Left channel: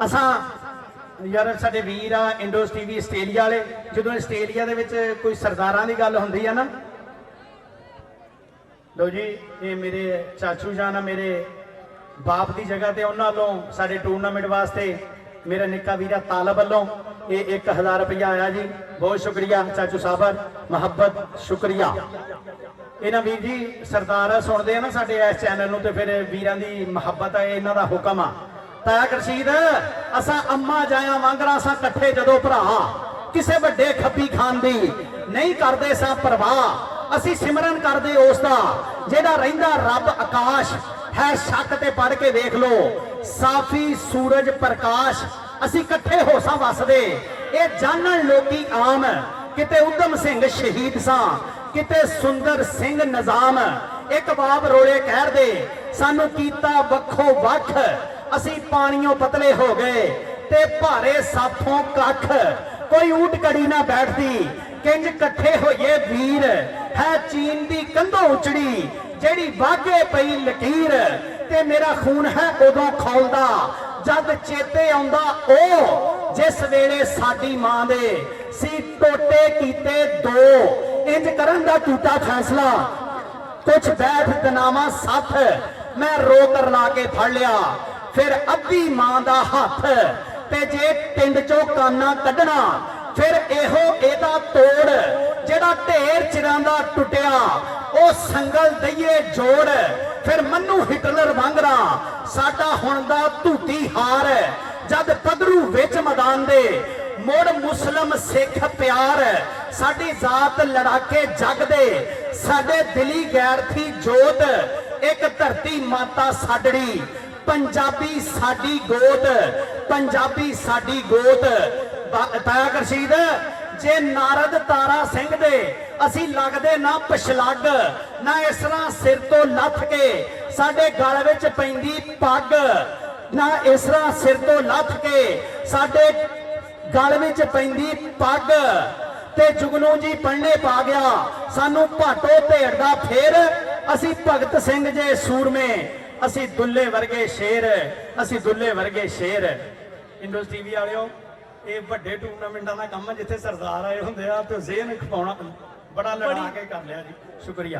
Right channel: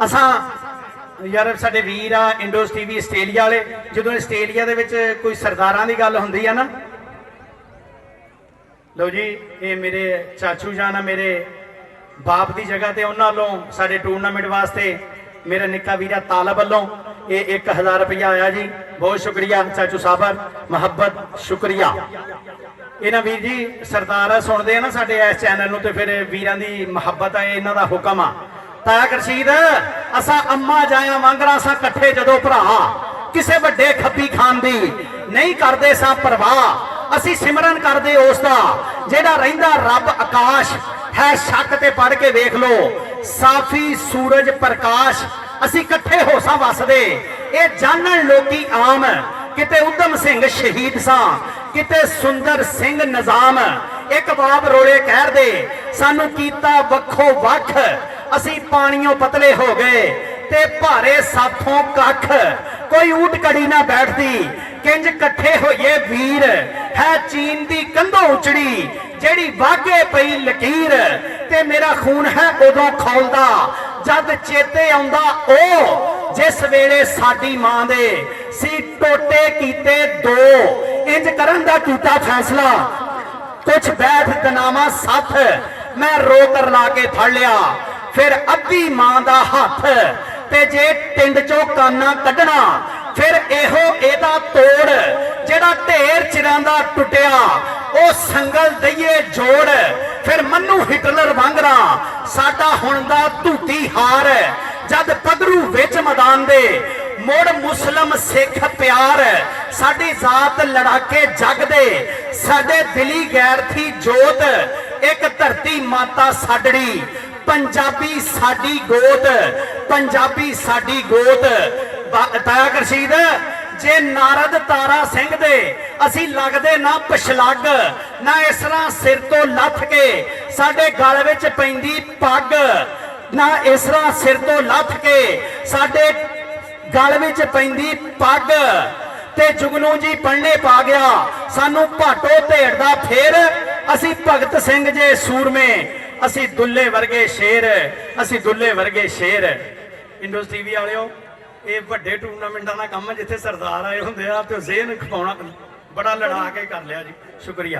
असां यार साडे वीर आ इंडोस टीवी आस्ट्रेलिया वाले, जो आस्ट्रेलिया दे विच कोई सरदारां दी गल हुंदी है ना, लो जी ये मेरे चाचू जान आ, मेरे बाप की जगह ते उन्हां वालों साडे टूरनामेंट वास्ते मेरा निक्का वीरा तालब वालों ये 1000 रुपया आया जी। बहुत शुक्रिया चाचू साहब, मुहब्बत शुक्रिया। इन्हां वीर जी सरदार सुनते हैं ना साडे इस चैनल नूं, ते फिर वीरां दी मुहब्बत है, इन्हां दा हुक्म आ। ताया गुरशीद असा अम्मा जाया वांगरा असा कट्ठे जदों भरा किसे वड्डे खब्बी खान दी नहीं करदे सा परवाह, असी सिमरन करदे उसदा जेड़ा रहिंदा रब आकाश है। शक ते पढ़ के वेख लो साफी सूरज प्रकाश, असी कट्ठे हो सा वसदे ये जानन लोकी आम। किते उधम सिंह शहीद सा किते सुंदर सिंह निजाम, एक बाब रोले कह दे सानू कीता वखो वख, असी पानियों पतले हो गए ते भारे साथों कख। कोई ऊट कड़ी ना बैठती किंज कट्ठे होइए वीर, है चीन दी कंधों उचड़ी जेड़ी वागे पई लकीर। ते मेरा खून है उदों खौलदा जद चेते आउंदा ओ, जिस वेले साडी मां दे सी टोटे कीते दो। इंज करन दा कीता फैसला कुछ बैठ दनावा साथ, मैं रोकर ला के फड़ लिया फिर अद्धी मां दा हथ। ते जे टिंड चों काना कढना फिर एहो एदा तोड़, जेड़ा ढेर चिरां दा टुटिया ओ संगल दईए जोड़। फिर मन्नू हिटलर वांगरा साडा हुण दा धूती हार, जद पगरू विच मैदान दे मुड़ मुस्लिम सिख प्यार। साडी जात लड़ाके जग दे साडे दिली गैर थी जोत, एक धरती माता साडड़ी पंजाबी साडी गोत, पंजाबी साडी गोत। ताया गुरशीद जे नारद तारा सिंह दे असी लगदे ना पछलग, ना इस तरह सिर तो लथ के साडे गल विच पैंदी पग, ना इस तरह सिर तो लथ के साडे गल विच पैंदी पग। ते जुगनू जी पढ़ने पा गया सानू भाटो धेड़दा फेर, असी भगत सिंह जे सूरमे असी दुल्ले वर्गे शेर, असी दुल्ले वर्गे शेर। इंडोस टीवी वालिओ ये वड्डे टूरनामेंटां दा काम है जिथे सरदार आए हुंदे आ ते ज़हन खपाउणा बड़ा लड़ा के कर लिया जी। शुक्रिया।